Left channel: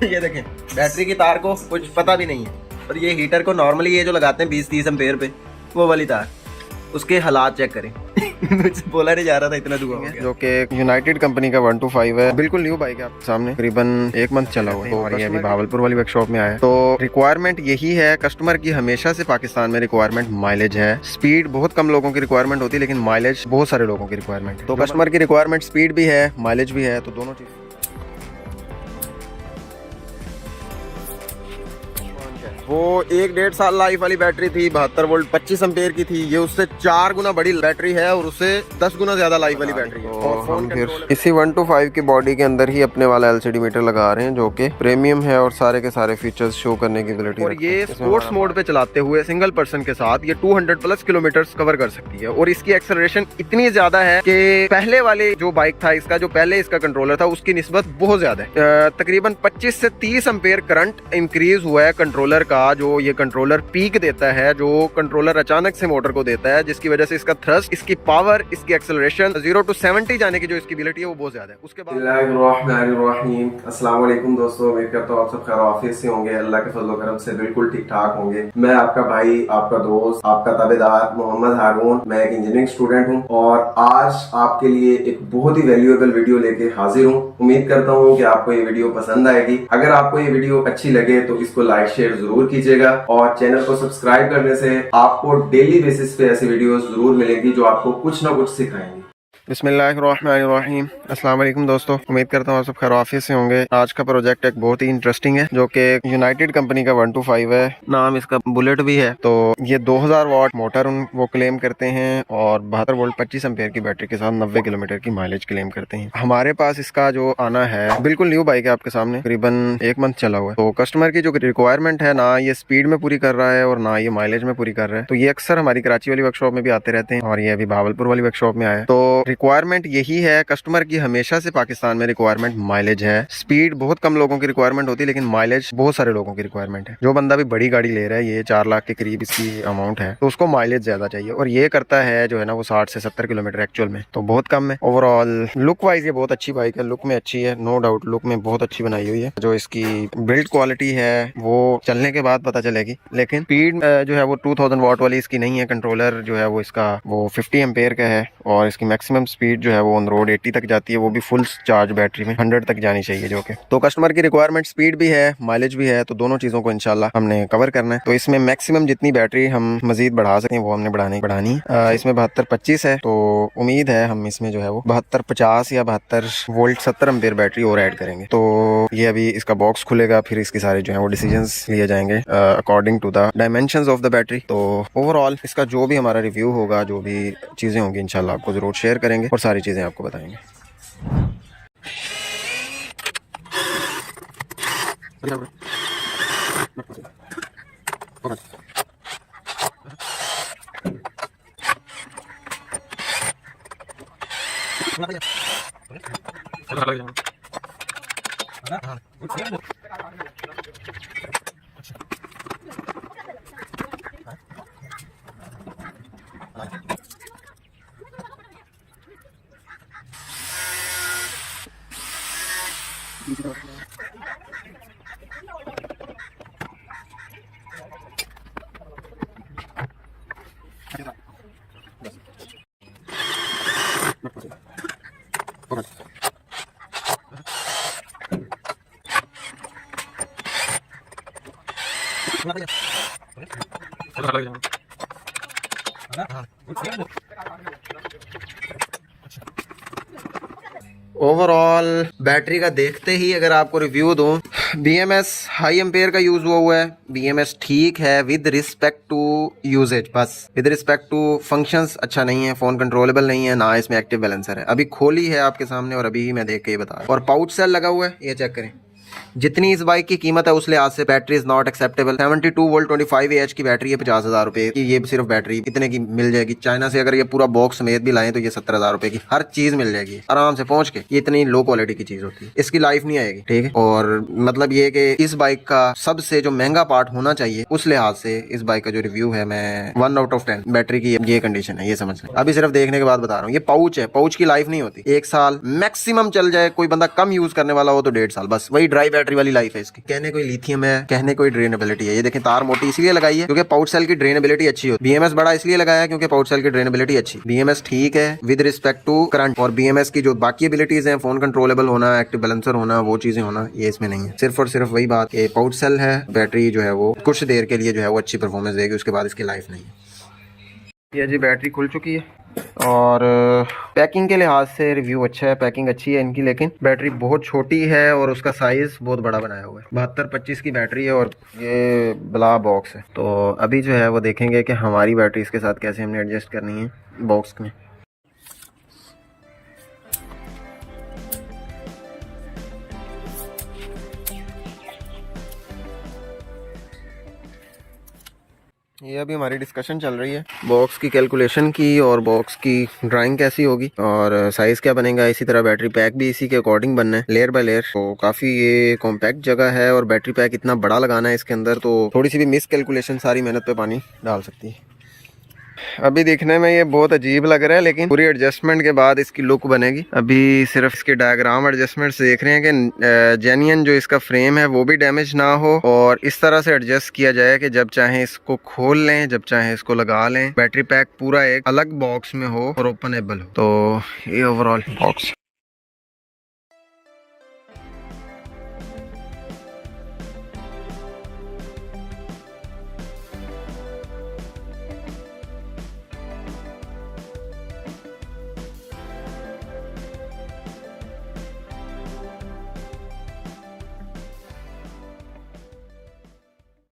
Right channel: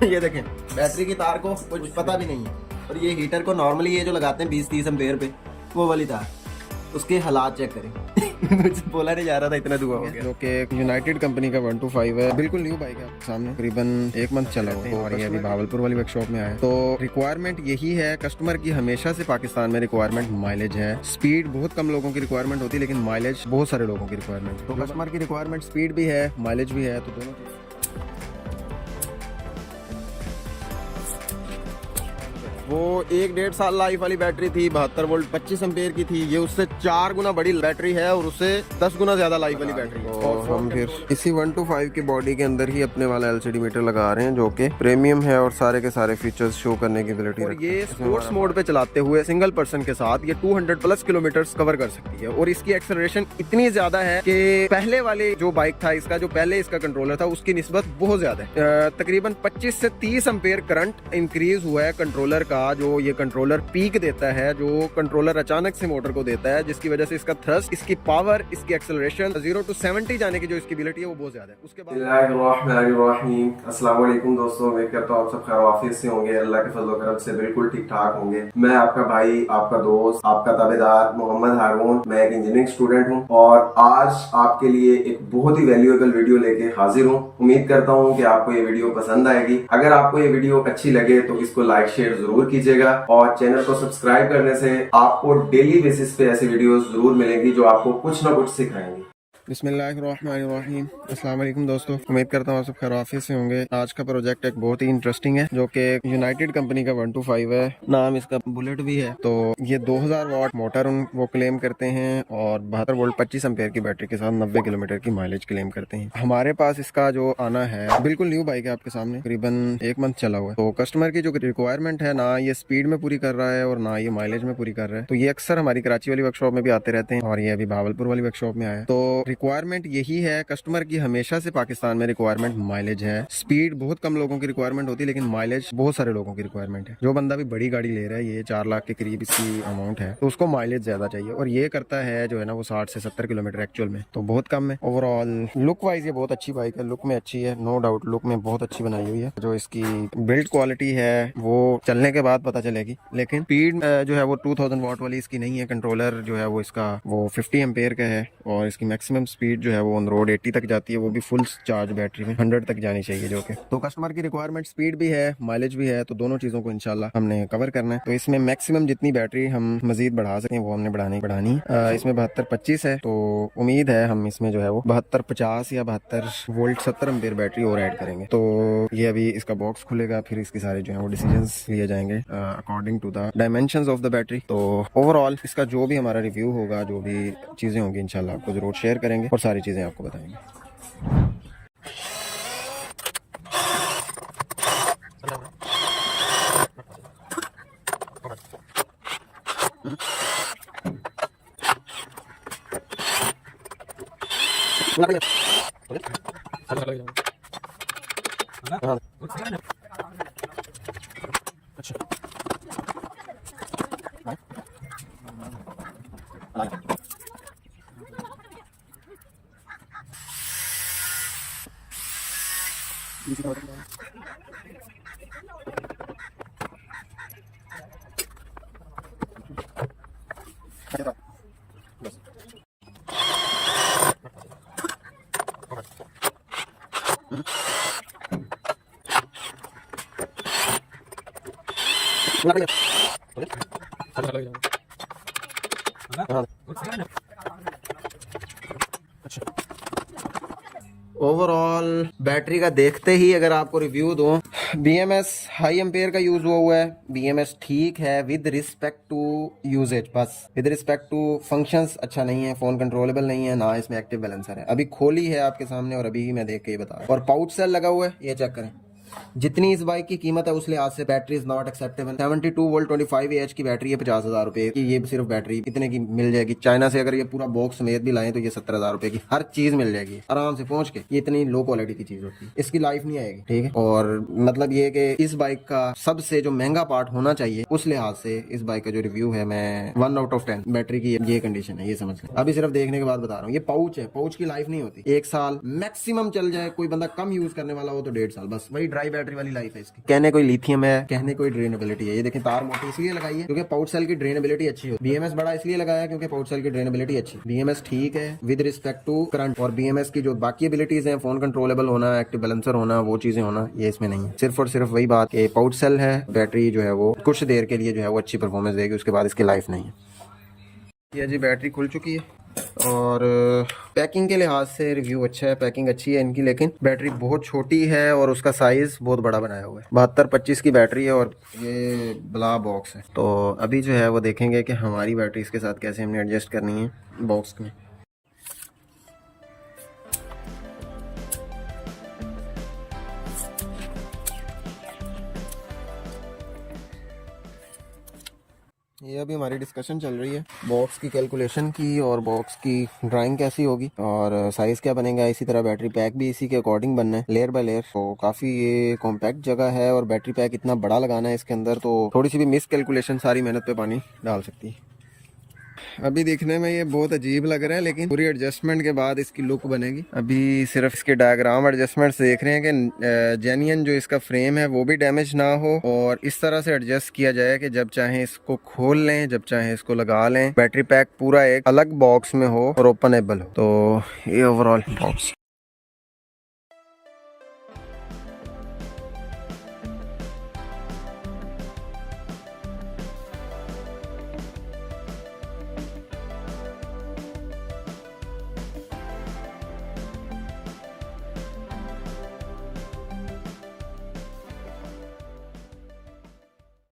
ये देखें, बैटरी की तार को कुछ पता भी नहीं है, पर ये हीटर को नॉर्मली ये जो लगाते हैं 20-30 एम्पेयर पे, वो वाली तार, उसके हालात चेक करें। कुछ बोला नहीं जा रहा था, इतना दूर हो गया। जो कि यूनाइटेड कंपनी का 125 है, बिल्कुल न्यू बाइक है आपके सामने, तकरीबन 1 मंथ चला हुआ है और ये अभी भावलपुर वाली वर्कशॉप में आया है। तो रिक्वायरमेंट यही है कस्टमर की, हमेशा से पाकिस्तान में रिक्वायरमेंट माइलेज है। स्पीड बहुत कम लोगों की रिक्वायरमेंट होती है, लेकिन माइलेज बहुत सारे लोगों की रिक्वायरमेंट। तो कस्टमर की रिक्वायरमेंट स्पीड भी है, माइलेज भी है, तो दोनों चीज। वो 1-1.5 साल लाइफ वाली बैटरी थी, 72 वोल्ट 25 एम्पेयर की थी। ये उससे 4 गुना बड़ी बैटरी है और उससे 10 गुना ज्यादा लाइफ वाली बैटरी। तो हम फिर इसी 125 की बॉडी के अंदर ही अपने वाला LCD मीटर लगा रहे हैं, जो कि प्रीमियम है और सारे के सारे फीचर्स शो करने की एबिलिटी और ये स्पोर्ट्स मोड पे चलाते हुए सिंगल पर्सन के साथ ये 200+ किलोमीटर कवर कर सकती है। और इसकी एक्सेलरेशन इतनी ज्यादा है कि पहले वाले जो बाइक था इसका, जो पहले इसका कंट्रोलर था, उसकी निस्बत बहुत ज्यादा है। तकरीबन 25 से 30 एम्पेयर करंट इंक्रीज हुआ है कंट्रोलर का। जो ये कंट्रोलर पीक देता है, जो कंट्रोलर अचानक से मोटर को देता है, जिसकी वजह से इसका थ्रस्ट, इसकी पावर, इसकी एक्सेलरेशन 0 to 70 जाने की जो इसकी एबिलिटी है वो बहुत ज्यादा है। उसके बाद अस्सलाम वालेकुम दोस्तों, उम्मीद करता हूं आप सब खैर ऑफिस से होंगे, अल्लाह के फजल करम से बिल्कुल ठीक ठाक होंगे। मैं आपका भाई, आपका दोस्त, आपका ताबेदार मोहम्मद हारून। मैं एक इंजीनियरिंग स्टूडेंट हूं और आज आपके लिए एक बहुत ही वैल्यूएबल वीडियो लेके हाजिर हूं। उम्मीद करता हूं कि आपको ये वीडियो पसंद आएगी। अगर आपको ये वीडियो अच्छी लगे तो इसको लाइक शेयर जरूर कीजिएगा और चैनल को सब्सक्राइब करने से आपको डेली बेसिस पे ऐसे वीडियोस जरूर मिलेंगी जो आपको कुछ ना कुछ सिखाएंगी। बिस्मिल्लाहिर्रहमानिर्रहीम। अस्सलाम वालेकुम दोस्तों, उम्मीद करता हूँ आप सब खैर ऑफिस से होंगे। आज का प्रोजेक्ट एक बहुत ही इंटरेस्टिंग है, जो कि यूनाइटेड कंपनी का 125 है, नाम इसका बुलेट भी है। तो ये 2000 वाट मोटर वो क्लेम करते हैं और 72 वोल्ट 25 एम्पेयर की बैटरी के साथ 90 किलोमीटर की माइलेज क्लेम करते हैं। हमारे पास इसका जो आना है, बिल्कुल न्यू बाइक है आपके सामने, करीबन 1 मंथ चला हुआ है। तो कस्टमर की जो रिक्वायरमेंट है ना, ये स्पीड में पूरी कर रहा है और ना ये माइलेज में पूरी कर रहा है। तो ये अक्सर हमारी कराची वाली वर्कशॉप में भी आते रहते हैं और ये अभी भावलपुर वाली वर्कशॉप में आया है। तो रिक्वायरमेंट यही है कस्टमर की, हमेशा से पाकिस्तान में रिक्वायरमेंट माइलेज है। स्पीड बहुत कम लोगों की रिक्वायरमेंट होती है, लेकिन माइलेज बहुत सारे लोगों की रिक्वायरमेंट है। जो बंदा भी बड़ी गाड़ी ले रहा है, ये 4 लाख के करीब इसकी अमाउंट है, तो उसको माइलेज ज्यादा चाहिए और ये करता है जो है ना वो 60 से 70 किलोमीटर एक्चुअल में, तो बहुत कम है। ओवरऑल लुक वाइज ये बहुत अच्छी बाइक है, लुक में अच्छी है, नो डाउट लुक में बहुत अच्छी बनाई हुई है। जो इसकी बिल्ड क्वालिटी है वो चलने के बाद पता चलेगी, लेकिन स्पीड जो है वो 2000 वाट वाली इसकी नहीं है। कंट्रोलर जो है वो इसका वो 50 एम्पेयर का है और इसकी मैक्सिमम स्पीड जो है वो ऑन रोड 80 तक जाती है, वो भी फुल चार्ज बैटरी में 100 तक जानी चाहिए। जो कि तो कस्टमर की रिक्वायरमेंट स्पीड भी है, माइलेज भी है, तो दोनों चीजों को इंशाल्लाह हमने कवर करना है। तो इसमें मैक्सिमम जितनी बैटरी हम मजीद बढ़ा सकें वो हमने बढ़ानी इसमें 72-25 है। तो उम्मीद है हम इसमें जो है वो 72-50 या 72 वोल्ट 70 एम्पेयर बैटरी और ऐड करेंगे। तो ये अभी इसका बॉक्स खुलेगा, फिर इसके सारे जो है वो डिसीजंस लिए जाएंगे according to the dimensions of the battery. तो ओवरऑल इसका जो भी हमारा रिव्यू होगा, जो भी चीजें होंगी, इंशाल्लाह आपको जरूर शेयर करेंगे और सारी चीजें आपको बताएंगे। ओवरऑल बैटरी का देखते ही अगर आपको रिव्यू दूं, BMS हाई एम्पेयर का यूज हुआ है। BMS ठीक है विद रिस्पेक्ट टू यूजेज, बस विद रिस्पेक्ट टू फंक्शंस अच्छा नहीं है, फोन कंट्रोलेबल नहीं है, ना इसमें एक्टिव बैलेंसर है। अभी खोली है आपके सामने और अभी ही मैं देख के बता रहा हूं। और पाउच सेल लगा हुआ है, ये चेक करें। जितनी इस बाइक की कीमत है उस लिहाज से battery is not acceptable. 72 volt 25 AH की बैटरी है, 50,000 रुपए की। ये सिर्फ बैटरी इतने की मिल जाएगी चाइना से। अगर ये पूरा बॉक्स समेत भी लाएं तो ये 70,000 रुपए की हर चीज मिल जाएगी आराम से पहुंच के। ये इतनी लो क्वालिटी की चीज होती है, इसकी लाइफ नहीं आएगी, ठीक है। और मतलब ये कि इस बाइक का सबसे जो महंगा पार्ट होना चाहिए, उस लिहाज से इस बाइक का जो रिव्यू है, मैं 1 आउट ऑफ 10। बैटरी की ये कंडीशन है, ये समझ लें। अभी सिर्फ देखने के बाद बता रहा हूँ। ये पाउच है, पाउच की लाइफ नहीं होती, 1 साल मैक्सिमम चल जाए। कोई बंदा कम यूज करने वाला हो तो 1.5 साल, बस वही ड्राइव हाई बैटरी वाली लाइफ है इसकी। कहने कोई लिथियम है, कहने कोई ड्रेनेबिलिटी है। ये देखें तार मोटी इसलिए लगाई है क्योंकि पाउच सेल की ड्रेनेबिलिटी अच्छी होती है। बीएमएस बड़ा इसलिए लगाया है क्योंकि पाउच सेल की ड्रेनेबिलिटी अच्छी। बीएमएस ठीक है विद रिस्पेक्ट टू करंट, और बीएमएस की जो बाकी एबिलिटीज हैं, फोन कंट्रोलेबल होना, एक्टिव बैलेंसर होना, वो चीजें होना, ये इसमें नहीं है। सिर्फ और सिर्फ वही बात कि पाउच सेल है, बैटरी जो है वो कुछ देर के लिए जो है वो अच्छी परफॉर्मेंस देगी, उसके बाद इसकी लाइफ नहीं है। ये जी बैटरी खुल चुकी है और पैकिंग के लिहाज से रिव्यू अच्छा है, पैकिंग अच्छी है इनकी, लेकिन बैटरी बहुत छोटी है और उसका साइज बहुत बड़ा बनाया हुआ है। 7225 की बैटरी है और ये बला बॉक्स है। तो अभी जो है वो देखेंगे कि हमारी बैटरी इसके साथ कैसे हमने एडजस्ट करनी है बॉक्स में। ये अभी हमारी डिस्कशन चल रही है बॉक्स की कैलकुलेशन की और बॉक्स की ड्राइंग कैसी होगी और साइज क्या बनेगा। इसी तरह बैटरी पैक भी इसी के अकॉर्डिंग बनना है, लेयर बाय लेयर। तो काफ़ी ये कॉम्पैक्ट जगह है और बैटरी पैक इतना बड़ा लगाना है इसके अंदर, तो थोड़ी सी भी मिस कैलकुलेशन सारी मेहनत पे पानी डाल सकती है। अभी देखने में ये बहुत अजीब लग रहा है, लेकिन पूरी एडजस्टमेंट के बाद इसकी लुक बनेगी। अभी सिर्फ इसके डायग्राम एडजस्टमेंट देख रहे हैं कि जेन्युइन जो इसका फ्रेम है वो भी डैमेज ना हो और इस तरह से एडजस्ट किया जाए कि जब चाहे इसको खोल लें, जब चाहे इसको लगा लें। बैटरी पैक पूरा एक अलग बॉक्स में हो और ओपनेबल हो। तो ये ओवरऑल बॉक्स।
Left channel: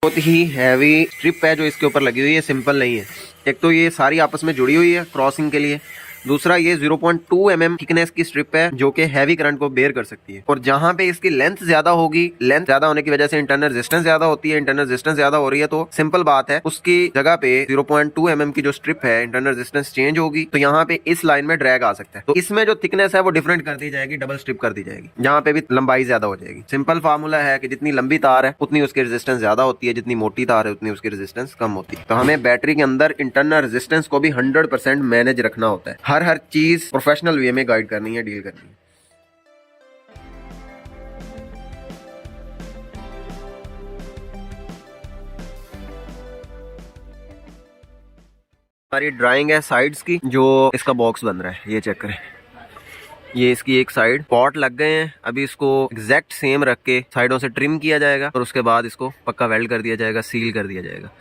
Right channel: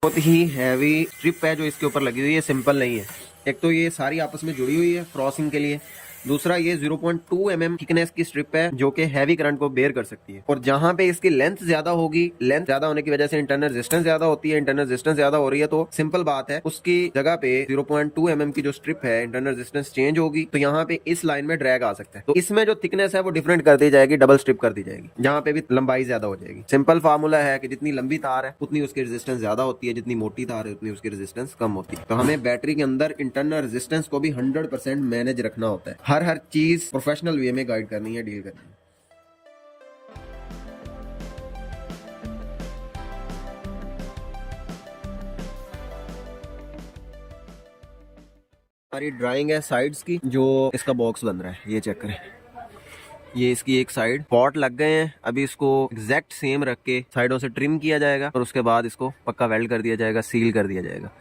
बहुत ही हैवी स्ट्रिप है जो इसके ऊपर लगी हुई है, सिंपल नहीं है। एक तो ये सारी आपस में जुड़ी हुई है क्रॉसिंग के लिए, दूसरा ये 0.2 mm थिकनेस की स्ट्रिप है जो कि हैवी करंट को बेयर कर सकती है। और जहां पे इसकी लेंथ ज्यादा होगी, लेंथ ज्यादा होने की वजह से इंटरनल रेजिस्टेंस ज्यादा होती है, इंटरनल रेजिस्टेंस ज्यादा हो रही है, तो सिंपल बात है उसकी जगह पे 0.2 mm की जो स्ट्रिप है इंटरनल रेजिस्टेंस चेंज होगी, तो यहाँ पे इस लाइन में ड्रैग आ सकता है। तो इसमें जो थिकनेस है वो डिफरेंट कर दी जाएगी, डबल स्ट्रिप कर दी जाएगी, यहाँ पे भी लंबाई ज्यादा हो जाएगी। सिंपल फार्मूला है कि जितनी लंबी तार है उतनी उसकी रेजिस्टेंस ज्यादा होती है, जितनी मोटी तार है उतनी उसकी रेजिस्टेंस कम होती है। तो हमें बैटरी के अंदर इंटरनल रेजिस्टेंस को भी 100% मैनेज रखना होता है। हर चीज प्रोफेशनल वे में गाइड करनी है, डील करनी है। हमारी ड्राइंग है साइड्स की, जो इसका बॉक्स बन रहा है, ये चेक करें। ये इसकी एक साइड पॉट लग गए हैं, अभी इसको एग्जैक्ट सेम रख के साइडों से ट्रिम किया जाएगा और उसके बाद इसको पक्का वेल्ड कर दिया जाएगा, सील कर दिया जाएगा।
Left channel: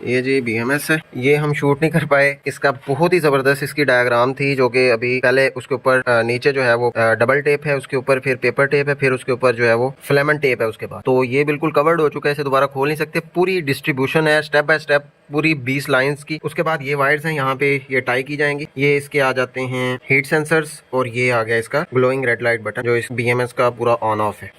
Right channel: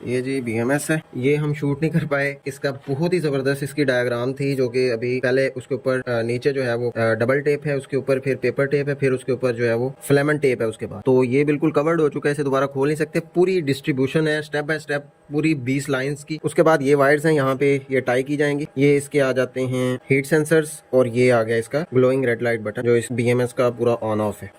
ये जी BMS है, ये हम शूट नहीं कर पाए। इसका बहुत ही जबरदस्त इसकी डायग्राम थी, जो कि अभी पहले उसके ऊपर नीचे जो है वो डबल टेप है, उसके ऊपर फिर पेपर टेप है, फिर उसके ऊपर जो है वो फिलामेंट टेप है उसके बाद। तो ये बिल्कुल कवर्ड हो चुका है, इसे दोबारा खोल नहीं सकते। पूरी डिस्ट्रीब्यूशन है स्टेप बाय स्टेप, पूरी 20 लाइंस की। उसके बाद ये वायर्स हैं, यहाँ पे ये टाई की जाएंगी। ये इसके आ जाते हैं हीट सेंसर्स और ये आ गया इसका ग्लोइंग रेड लाइट बटन, जो इस BMS का पूरा ऑन ऑफ है,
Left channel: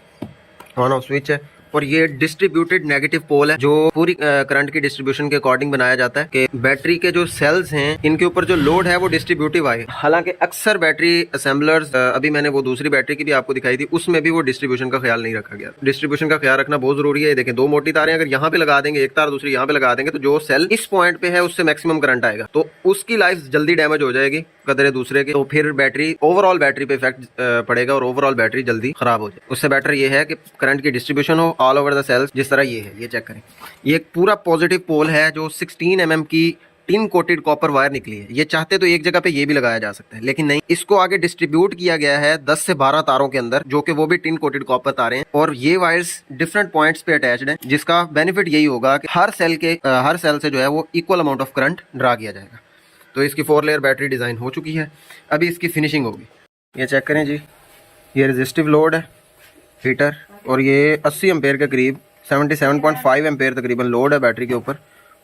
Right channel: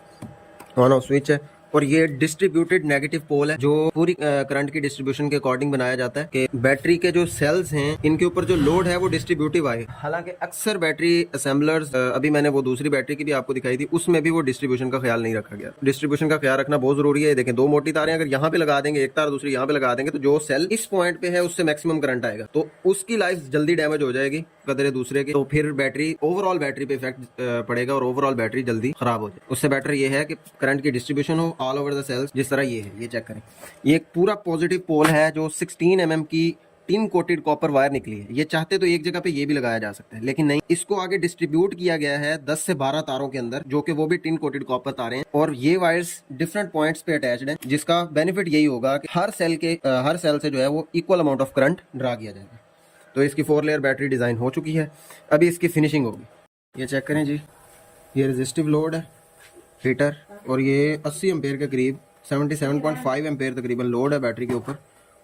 ऑन ऑफ स्विच है। और ये डिस्ट्रीब्यूटेड नेगेटिव पोल है, जो पूरी करंट की डिस्ट्रीब्यूशन के अकॉर्डिंग बनाया जाता है कि बैटरी के जो सेल्स हैं इनके ऊपर जो लोड है वो डिस्ट्रीब्यूटिव आए। हालांकि अक्सर बैटरी असेंबलर्स, अभी मैंने वो दूसरी बैटरी की भी आपको दिखाई थी, उसमें भी वो डिस्ट्रीब्यूशन का ख्याल नहीं रखा गया। डिस्ट्रीब्यूशन का ख्याल रखना बहुत जरूरी है। देखिए दो मोटी तारें अगर यहाँ पे लगा देंगे, एक तार दूसरी यहाँ पे लगा देंगे, तो जो सेल इस पॉइंट पे है उससे मैक्सिमम करंट आएगा, तो उसकी लाइफ जल्दी डैमेज हो जाएगी कदरे दूसरे की, तो फिर बैटरी ओवरऑल बैटरी पे इफेक्ट पड़ेगा और ओवरऑल बैटरी जल्दी खराब हो जाए। उससे बेटर ये है कि करंट की डिस्ट्रीब्यूशन हो ऑल ओवर द सेल्स, जिस तरह ये है, ये चेक करें। ये एक पूरा पॉजिटिव पोल है जो 16 mm की टिन कोटेड कॉपर वायर निकली है। ये चाहते तो एक जगह पे ये भी लगाया जा सकता है, लेकिन नहीं, इसको आगे डिस्ट्रीब्यूट किया गया है 10 से 12 तारों के अंदर, जो कि वो भी टिन कोटेड कॉपर तारें हैं। और ये वायर्स डिफरेंट पॉइंट्स पे अटैच्ड हैं, जिसका बेनिफिट यही होगा कि हर सेल से जो है वो equal amount of current draw किया जाएगा। तो इसकी 4 लेयर बैटरी डिजाइन हो चुकी है, अभी इसकी फिनिशिंग होगी। ये चेक करें जी, ये रेजिस्टिव लोड है हीटर, और ये 80 एम्पेयर के करीब 77.5 एम्पेयर तकरीबन लोड है बैटरी के ऊपर।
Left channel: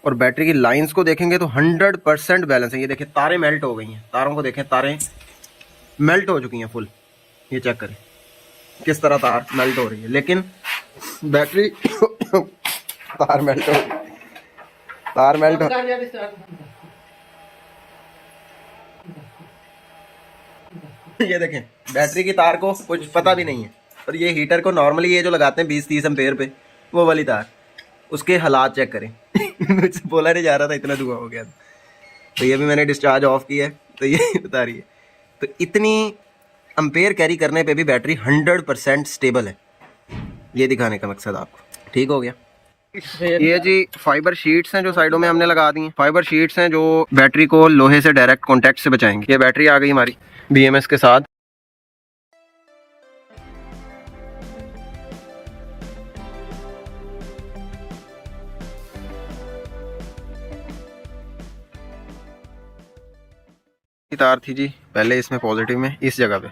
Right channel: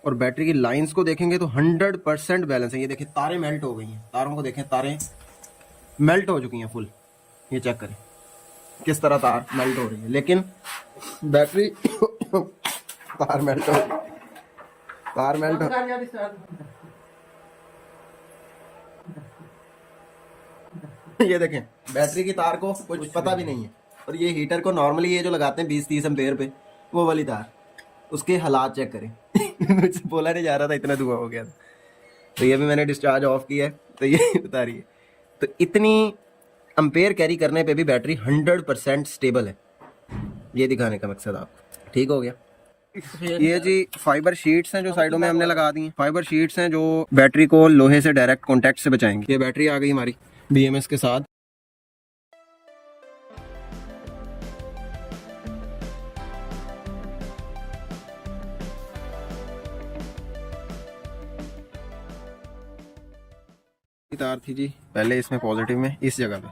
और बैटरी की लाइंस को देखेंगे तो 100% बैलेंस है। ये देखिए तारें मेल्ट हो गई हैं, तारों को देखें, तारें मेल्ट हो चुकी हैं फुल। ये चेक करें किस तरह तार मेल्ट हो रही है, लेकिन बैटरी तार मेल्ट हो ये देखें बैटरी की तार को कुछ पता भी नहीं है। और ये हीटर को नॉर्मली ये जो लगाते हैं 20-30 एम्पेयर पे, वो वाली तार, उसके हालात चेक करें। मुझसे बोला नहीं जा रहा था, इतना धुआं हो गया। तो ये भी मैंने डिस्चार्ज ऑफ किया है, तो ये बता रही है। तो इतनी एम्पेयर कैरी करने पे भी बैटरी 100% स्टेबल है। ये दिखाने का मकसद आपको। ठीक हो गया। ये जी फाइबर शीट्स हैं जो साइडों में हमने लगा दी हैं। फाइबर शीट्स हैं जो बैटरी को लोहे से डायरेक्ट कॉन्टैक्ट से बचाएंगे। ये बैटरी आ गई हमारी BMS के साथ। तार थी जी पहले इसमें पॉजिटिव में, इस जगह पे,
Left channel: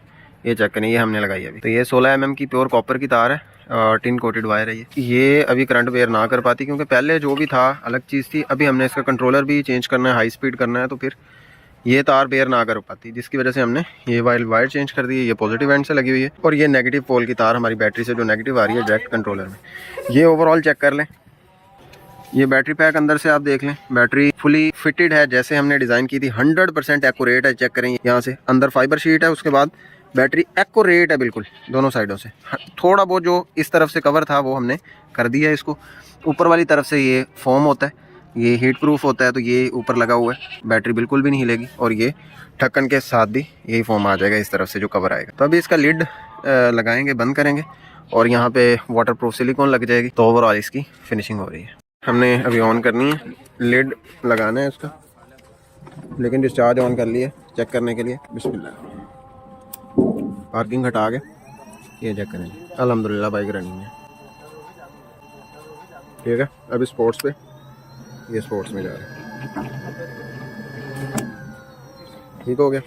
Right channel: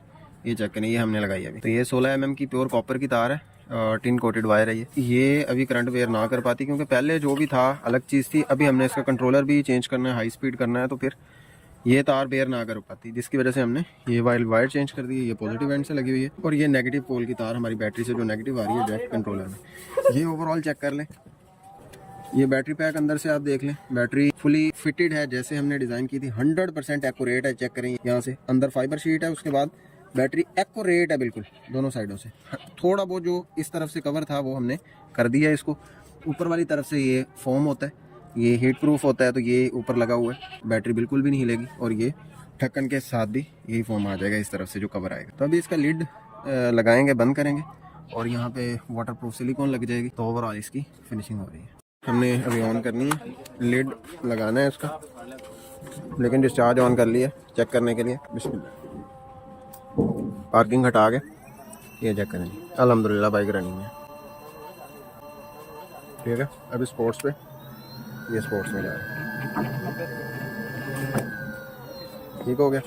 ये चेक करें, ये हमने लगाई अभी। तो ये 16 mm की प्योर कॉपर की तार है, टिन कोटेड वायर है ये अभी करंट बेयर ना कर पाती, क्योंकि पहले जो भी था अलग चीज़ थी। अभी हमने इसका कंट्रोलर भी चेंज करना है, हाई स्पीड करना है, तो फिर ये तार बेयर ना कर पाती, जिसकी वजह से हमने ये वायर चेंज कर दी है। ये पॉजिटिव एंड से लगी हुई है और ये नेगेटिव पोल की तार हमारी बैटरी से जो नेगेटिव आ रही है डायरेक्ट कंट्रोलर में। ये ओवरऑल चेक कर लें। ये बैटरी पैक अंदर से आप देख लें, बैटरी फुली फिटेड है जैसे हमने डिज़ाइन की थी। 100% एक्यूरेट है। चेक करें यहाँ से, अंदर फाइबर शीट है, उसके बाद बैटरी एक्यूरेट है बिल्कुल दोनों साइडों से। थोड़ा बहुत जो इस तरफ से कवर था वो हमने कर दिया है इसको। ऊपर वाली तरफ से ये फोम होता है, ये हीट प्रूफ होता है, तो ये ऊपर लगा हुआ है, बैटरी बिल्कुल भी नहीं हिलेगी। और ये ढक्कन के साथ भी यही फोम आ जाएगा इस तरफ से जो कवर आएगा। तो अभी इसका लिड लगाएंगे, बंद करेंगे और यहाँ पे वाटर प्रूफ सिलिकॉन लग जाएगी। तो ओवरऑल इसकी फिनिशिंग हो रही है। हमने अभी ऑन करनी है, लिड लगाना है उसका, लेकिन डिस्चार्ज ऑन कर लिया चेक करने के लिए। बिस्मिल्लाह। पार्किंग हटा के ये चेक करें, अल्हम्दुलिल्लाह बाइक रनिंग है। ठीक है, अभी स्पोर्ट्स पे, ये स्पोर्ट्स में जा रहा है। ठीक हो गया।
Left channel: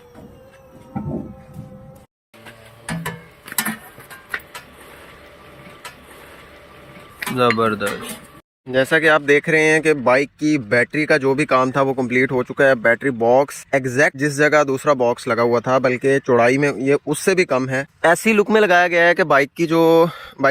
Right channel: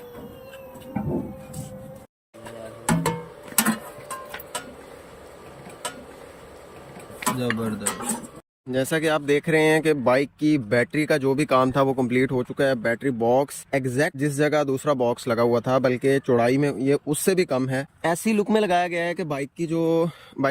जबरदस्त। जैसा कि आप देख रहे हैं कि बाइक की बैटरी का जो भी काम था वो कंप्लीट हो चुका है। बैटरी बॉक्स एग्जैक्ट जिस जगह दूसरा बॉक्स लगा हुआ था, बल्कि चौड़ाई में ये उससे भी कम है। ऐसी लुक में लगाया गया है कि बाइक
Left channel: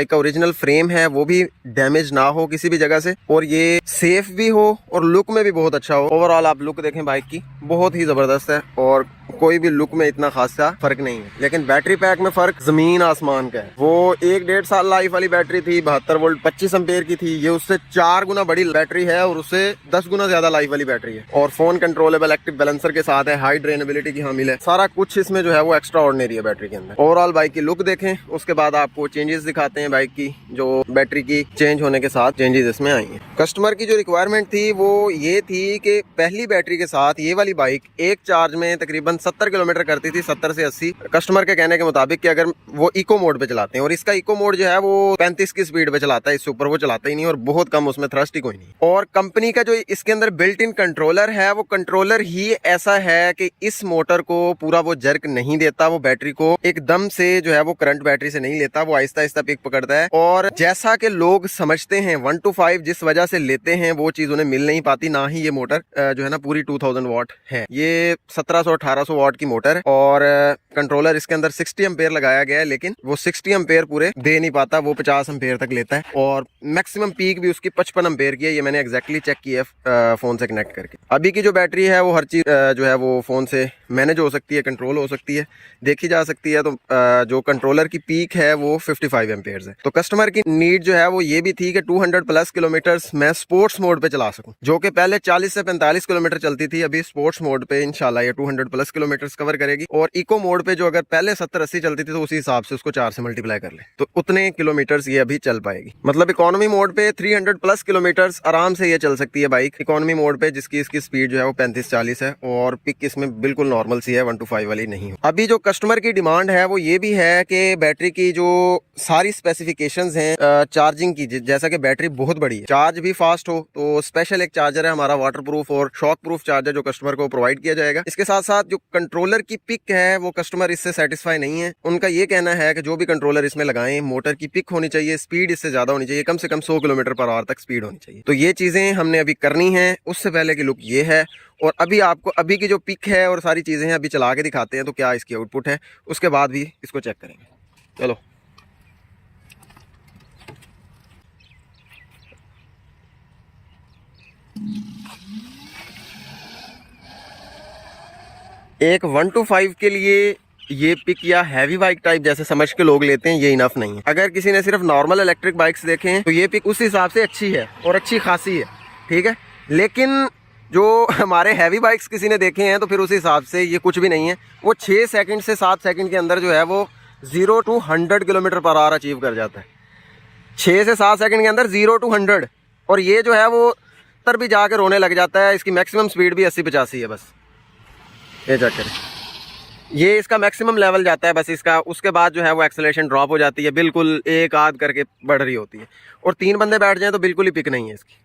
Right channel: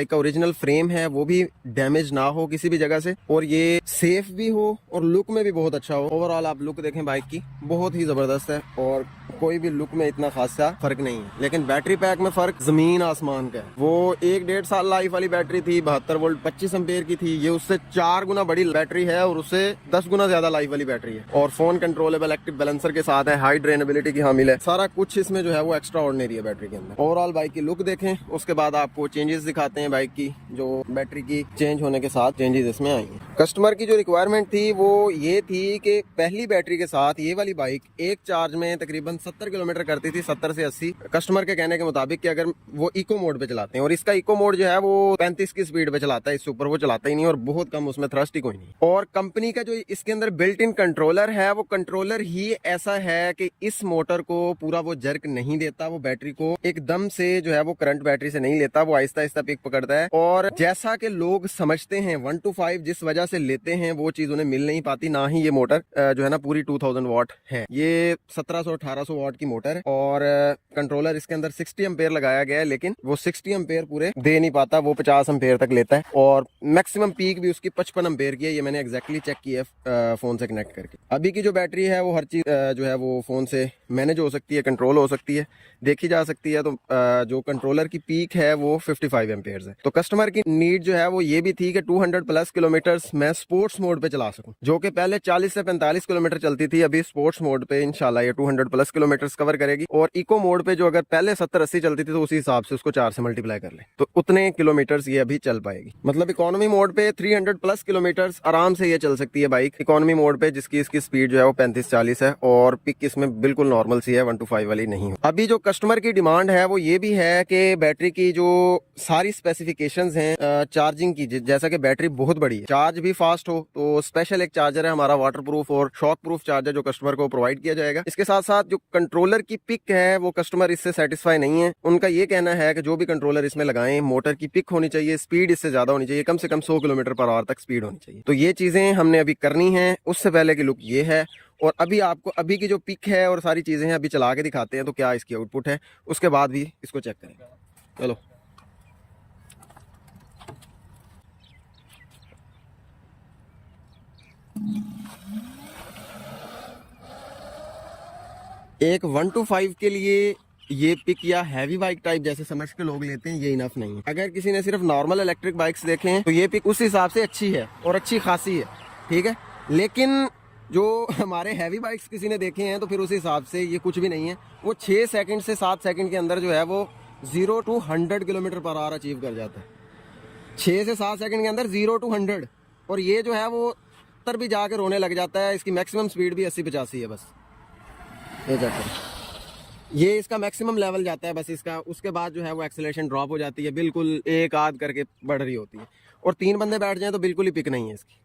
का ओरिजिनल फ्रेम है वो भी डैमेज ना हो किसी भी जगह से, और ये सेफ भी हो और लुक में भी बहुत अच्छा हो। ओवरऑल आप लुक देखें बाइक की, बहुत ही जबरदस्त है और कोई भी लुक में इतना खासा फर्क नहीं है। लेकिन बैटरी पैक में फर्क जमीन आसमान का है। वो 1-1.5 साल लाइफ वाली बैटरी थी, 72 वोल्ट 25 एम्पेयर की थी। ये उससे 4 गुना बड़ी बैटरी है और उससे 10 गुना ज्यादा लाइफ वाली बैटरी है। और फोन कंट्रोलेबल एक्टिव बैलेंसर के साथ है, हाई ड्रेनेबिलिटी की हामिल है। सारा कुछ इसमें जो है वो एक्स्ट्रा ऑर्डिनरी है बैटरी के अंदर। ओवरऑल बाइक की लुक देखें, उसके बाद आपको चेंजेस दिखाते हैं बाइक की, जो बैटरी की चेंज होने के साथ चेंजेस इसमें आएंगे। कस्टमर की जो रिक्वायरमेंट थी वो ये थी कि पहली बैटरी के साथ ये वाली बाइक एक चार्ज में तकरीबन 70 किलोमीटर करती थी, 70 से 80 कस्टमर के कहने के मुताबिक, कि अगर वो इको मोड पे चलाते हैं। और इसका इको मोड जो है वो 35 की स्पीड पे चलाता है, इससे ऊपर वो चलाता ही नहीं और बहुत कम उसमें थ्रस्ट ही कोई नहीं। और कंपनी का जो इसके अंदर बिल्ट इन कंट्रोलर है, वो कंट्रोलर ही ऐसा है कि इस मोटर को पूरा वो जर्क नहीं देता, वो बैटरी को एकदम से जो है वो करंट बैटरी से नहीं लेता, वो आहिस्ता आहिस्ता पिक पकड़ता है। और जैसा कि लोग समझते हैं 1 to 5 जिस वजह से लेते हैं वो चीज उन्हें मिल नहीं पाती। ना ही ये मोटर जो है ना पूरी 2000 वाट है, ये 1700-1800 वाट की मोटर है। और कंट्रोलर इसके अंदर 60 एम्पेयर लगाया गया है, लेकिन वो 60 एम्पेयर पूरे दे नहीं पाता, वो 50 एम्पेयर तक लेता है। और मैक्सिमम पीक भी उसकी 55 एम्पेयर की है। ये मैंने एग्जैक्टली चेक किया है फोन से कनेक्ट करके। अभी की जो बैटरी है वो हर चीज जो है वो फोन से मैनेज हो सकती है, कंट्रोल हो सकती है, देखी जा सकती है। तो जो कंट्रोलर की पीक है वो 55 एम्पेयर है। तो कस्टमर की नीड जो है वो ये भी थी कि 200+ किलोमीटर मैं स्पोर्ट्स मोड पे चला सकूं, जो कि पहले 40 से 45 किलोमीटर चलती थी। अभी स्पोर्ट्स मोड पे इंशाल्लाह ये 200+ किलोमीटर कवर करेगी। और इको मोड पे जो अगर पहले 70-80 चलती थी तो उसी हिसाब से उसको 4 से मल्टीप्लाई कर ले तो उतने किलोमीटर्स ये अभी चल पाएगी। मतलब इकोनॉमी मोड पे 300+ किलोमीटर्स आराम से ये चल सकती है बाइक इकोनॉमी मोड पे, जिसकी इसकी स्पीड जो है वो 35-40 है और पिक इसमें बिल्कुल नॉर्मल सी है, 1 to 5 वाली नहीं हो। अभी जो कस्टमर की डिमांड है वो ये भी है कि बैटरी की जो सारी स्पेसिफिकेशंस हैं चार्जिंग की, जैसा कि बैटरी बहुत बड़ी है, चार्ज भी फास्ट हो, तो स्पेशल एक चार्जर है हमारा वाटर प्रूफ और शॉक प्रूफ चार्जर जो कस्टमर को प्रोवाइड किया जाएगा। इसके साथ साथ जो कंट्रोलर की पिक है वो कस्टमर इससे सेटिस्फाई नहीं है। उनका ये कहना है कि जो भी कंट्रोलर इसमें लगाएं मोटर की पिक होनी चाहिए, स्पीड इससे ज़्यादा होनी चाहिए, कम से कम 100 किलोमीटर पर आवर तक स्पीड होनी चाहिए। तो ये चीज़ें हमने अभी करनी है। उससे पहले की लुक ये है और अभी आपको अभी की जो पिक है और सारी चीज़ें हैं अभी चला के दिखाते हैं तो क्या इसकी आउटपुट है, उसके बाद भी इसको चेक करेंगे। चलो एक 125 के लिए ये पिक या हैवी बाइक टाइप जैसे समझ के लोग लेते हैं, ये इनफ नहीं है। अगर किसी ने सिर्फ नॉर्मल इलेक्ट्रिक बाइक्स देखे हैं तो ये पिक उस हिसाब से अच्छी है और अच्छी खासी है, ठीक है। लेकिन जो हमारे हैवी बाइक्स किसी ने देखे हैं तो फिर उस हिसाब से ये कुछ भी नहीं है। वो 6 सेकंड से 7 सेकंड के अंदर जो है वो 0 to 100 kilometre per hour achieve कर जाता है। 6 से 7 सेकंड के अंदर 0 to 100। और ये जो है वो तर भी जाकर रोने लग जाता है। इसकी मैक्सिमम स्पीड भी 80-85 है बस। ये चेक करें, ये इसका मैक्सिमम लेवल जाता है बस इसका। उसके बाद जो है वो एक्सेलरेशन ड्रॉप हो जाती है, बिल्कुल एक आध करके बढ़ रही होती है। और 3 बंदे बैठ जाएं तो बिल्कुल ही पिक नहीं है इसकी।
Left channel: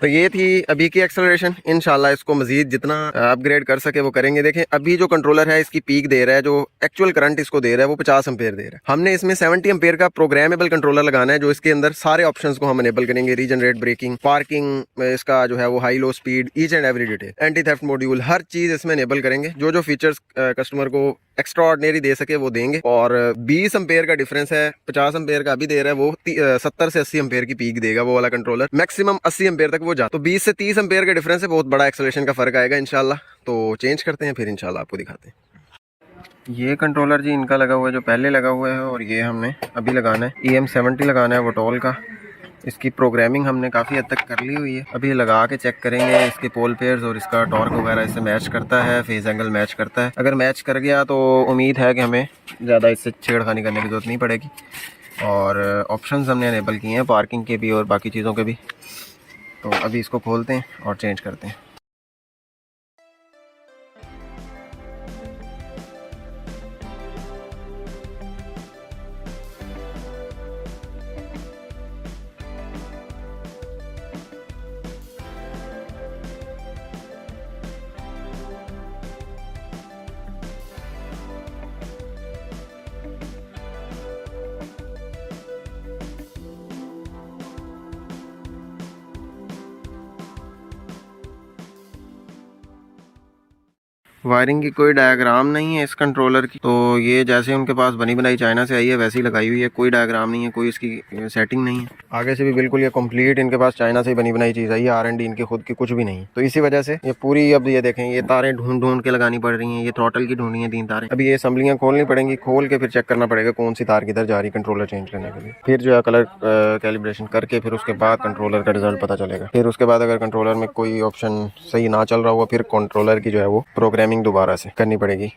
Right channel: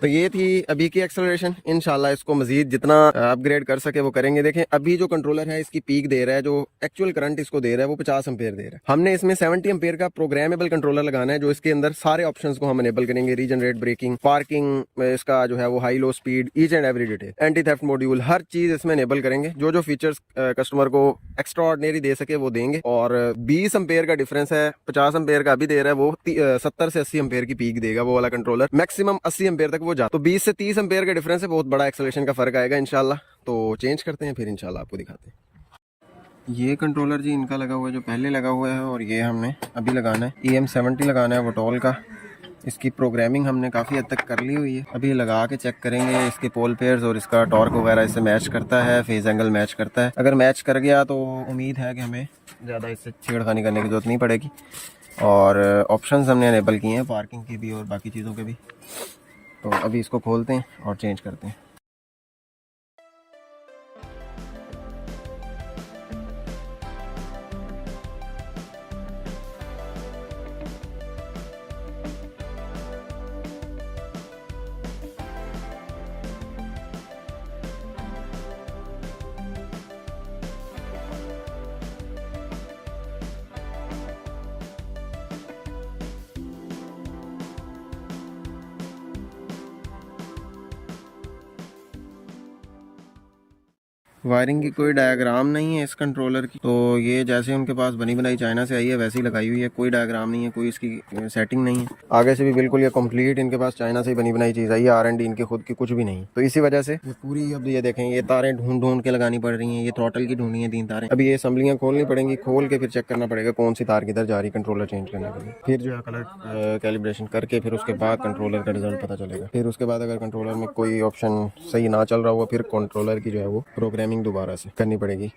तो ये थी अभी की एक्सेलरेशन। इंशाल्लाह इसको मजीद जितना अपग्रेड कर सके वो करेंगे। देखें अभी जो कंट्रोलर है इसकी पीक दे रहा है, जो एक्चुअल करंट इसको दे रहा है वो 50 एम्पेयर दे रहा है। हमने इसमें 70 एम्पेयर का प्रोग्रामेबल कंट्रोलर लगाना है जो इसके अंदर सारे ऑप्शंस को हम अनेबल करेंगे। रीजनरेट ब्रेकिंग, पार्किंग, इसका जो है वो high low speed, each and every detail, anti theft module, हर चीज इसमें अनेबल करेंगे। जो जो फीचर्स कस्टमर को एक्स्ट्रा ऑर्डिनरी दे सके वो देंगे। और 20 एम्पेयर का डिफरेंस है, 50 एम्पेयर का अभी दे रहा है वो 70 से 80 एम्पेयर की पीक देगा वो वाला कंट्रोलर। मैक्सिमम 80 एम्पेयर तक वो जाता। तो 20 से 30 एम्पेयर का डिफरेंस है, बहुत बड़ा एक्सेलरेशन का फर्क आएगा इंशाल्लाह। तो चेंज करते हैं फिर इंशाल्लाह आपको दिखाते हैं। ये कंट्रोलर जी इनका लगा हुआ है जो पहले लगा हुआ है, और ये हमने अभी लगाना है EM70 लगाना है वटोल का। इसकी प्रोग्रामिंग हमने काफ़ी हद तक कर ली हुई है। अभी लगा के चेक करेंगे इसके पोल पेयर्स और इसका टॉर्क वगैरह इससे मैच करता है, फेज एंगल मैच करता है। अगर मैच कर गया तो उम्मीद है कि हमें ज़्यादा इससे छेड़खानी करने की जरूरत नहीं पड़ेगी। और ऑप्शंस हमने अनेबल किए हैं पार्किंग के भी और बाकी चीज़ों के भी। तो अभी इसको खोलते हैं और चेंज करते हैं। वायरिंग की कोई डायग्राम नहीं है इस कंट्रोलर की। तो ये जैसे उनके पास बनी बनाई चाइना से आई है वैसे ही लगाई हुई है, कोई डायग्राम नहीं है, कोई इसकी सेटिंग नहीं है। आगे से भी बिल्कुल ये कंप्लीट इनके पास चाइना से ही बनी बनाई चीज़ आई है, R&D इनके खुद की कुछ भी नहीं। तो इसी वजह से ये पूरी, अब ये देखें ये तारें ढूंढ ढूंढ के लगानी पड़ रही हैं। ये थ्रॉटल की ढूंढनी है 3 तारें। अभी ये असम्बलियाँ खोलनी पड़ेंगी, खोल के फिर चेक करना पड़ेगा कौन सी तार किधर जा रही है कंट्रोलर चेंज करने के लिए। फिर जो है कलर कैलिब्रेशन करके फिर उसके बाद कंट्रोलर का रिजल्ट पता चलेगा। फिर उसके बाद अगर कंट्रोलर में कोई ऑप्शन सही ना चल रहा हुआ फिर कंट्रोलर की जो है वो प्रोग्रामिंग दोबारा से करनी पड़ेगी।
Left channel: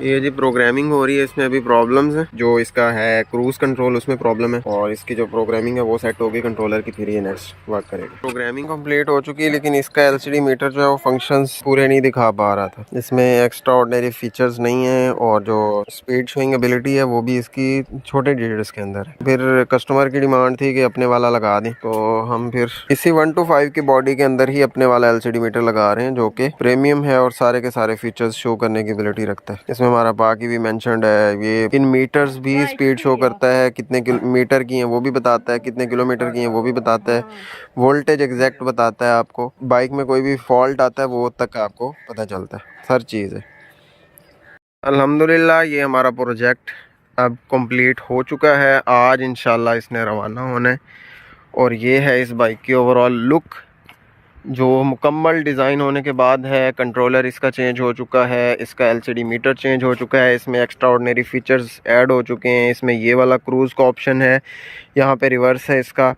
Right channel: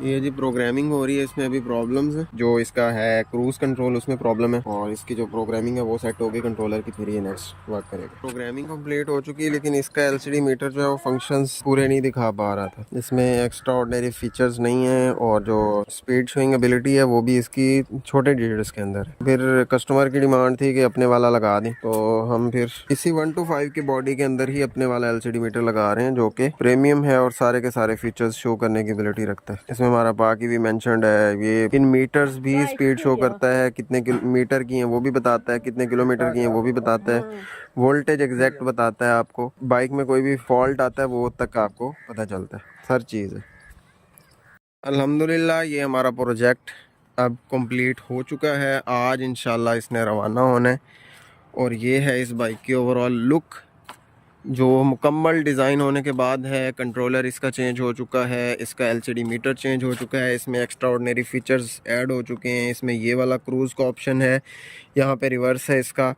ये जी प्रोग्रामिंग हो रही है, इसमें अभी प्रॉब्लम्स हैं। जो इसका है क्रूज कंट्रोल उसमें प्रॉब्लम है, और इसकी जो प्रोग्रामिंग है वो सेट होगी कंट्रोलर की, फिर ये नेक्स्ट वर्क करेगा। प्रोग्रामिंग कंप्लीट हो चुकी है लेकिन इसका LCD मीटर जो है वो फंक्शंस पूरे नहीं दिखा पा रहा था। इसमें एक्स्ट्रा ऑर्डिनरी फीचर्स नहीं है और जो स्पीड शोइंग एबिलिटी है वो भी इसकी छोटे डिजिट्स के अंदर है। फिर कस्टमर की डिमांड थी कि अपने वाला लगा दें, तो हम फिर इसी 125 की बॉडी के अंदर ही अपने वाला LCD मीटर लगा रहे हैं जो कि प्रीमियम है और सारे के सारे फीचर्स शो करने की एबिलिटी रखता है। इसमें हमारा बाकी भी मेंशन्ड है। ये इन मीटर्स भी स्पीड शो करता है, कितने मीटर की है वो भी बताता है, कितने किलोमीटर की है वो भी बताता है, वोल्टेज एग्जैक्ट बताता है आपको। बाइक में कोई भी फॉल्ट आता है वो तक आपको पता चलता है, हर चीज़ है। अल्हम्दुलिल्लाह ये हमारा प्रोजेक्ट अब कंप्लीट हो चुका है। आज इंशाल्लाह इसने रवाना होना है और ये है इस बाइक की ओवरऑल लुक जो मुकम्मल डिज़ाइन होने के बाद है। कंट्रोलर इसका चेंज हो चुका है, इसका LCD मीटर चेंज हो चुका है, इसमें एक्स्ट्रा ऑर्डिनरी फीचर्स ऐड हो चुके हैं। इसमें ये वाला क्रूज़ का ऑप्शन है, यहाँ पे रिवर्स है इसका।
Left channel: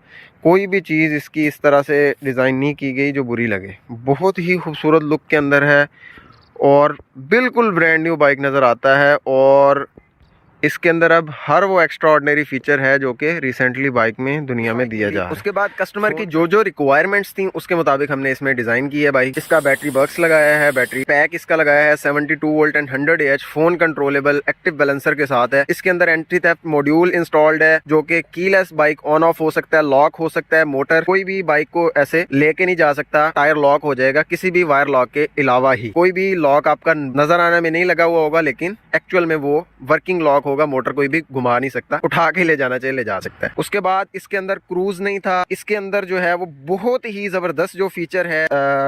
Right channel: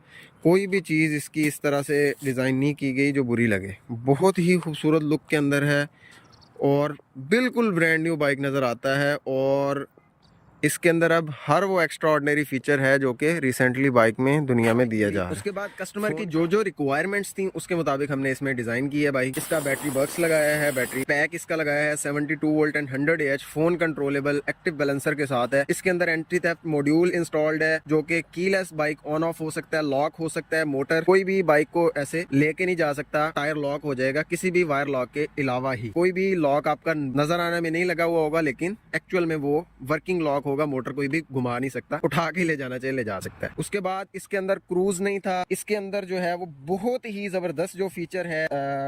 कोई भी चीज़ इसकी इस तरह से डिज़ाइन नहीं की गई जो बुरी लगे। बहुत ही खूबसूरत लुक के अंदर है और बिल्कुल ब्रांड न्यू बाइक नज़र आता है। और इसके अंदर अब हर वो एक्स्ट्रा ऑर्डिनरी फीचर है जो कि रिसेंटली बाइक में दुनिया में दिया जा रहा है। उसके बाद कस्टमर की जो जो रिक्वायरमेंट्स थी उसके मुताबिक हमने इसमें डिजाइन की है बाइक। इसका बैटरी बॉक्स लगाया है, बैटरी पैक इसका लगाया है 72 volt and 100 AH, phone controllable active balancer के साथ है। इसके अंदर एंटी थेफ्ट मॉड्यूल इंस्टॉल्ड है जो कि कीलेस बाइक ऑन ऑफ हो सकता है, लॉक हो सकता है, मोटर कोई भी बाइक को ऐसे लेके नहीं जा सकता, टायर लॉक हो जाएगा किसी भी वायर लॉक के अलावा ही। कोई भी लॉक आपका नजर आने में नहीं लगा हुआ होगा लेकिन एक्चुअल में वो वर्किंग लॉक होगा, मोटर कोई भी घुमा नहीं सकता, उठा के ले जाना चाहिए ले जा सकता है। उसके बाद इसके अंदर क्रूज नहीं था, इसके अंदर जो है वो बहुत ही जबरदस्त जो फीचर है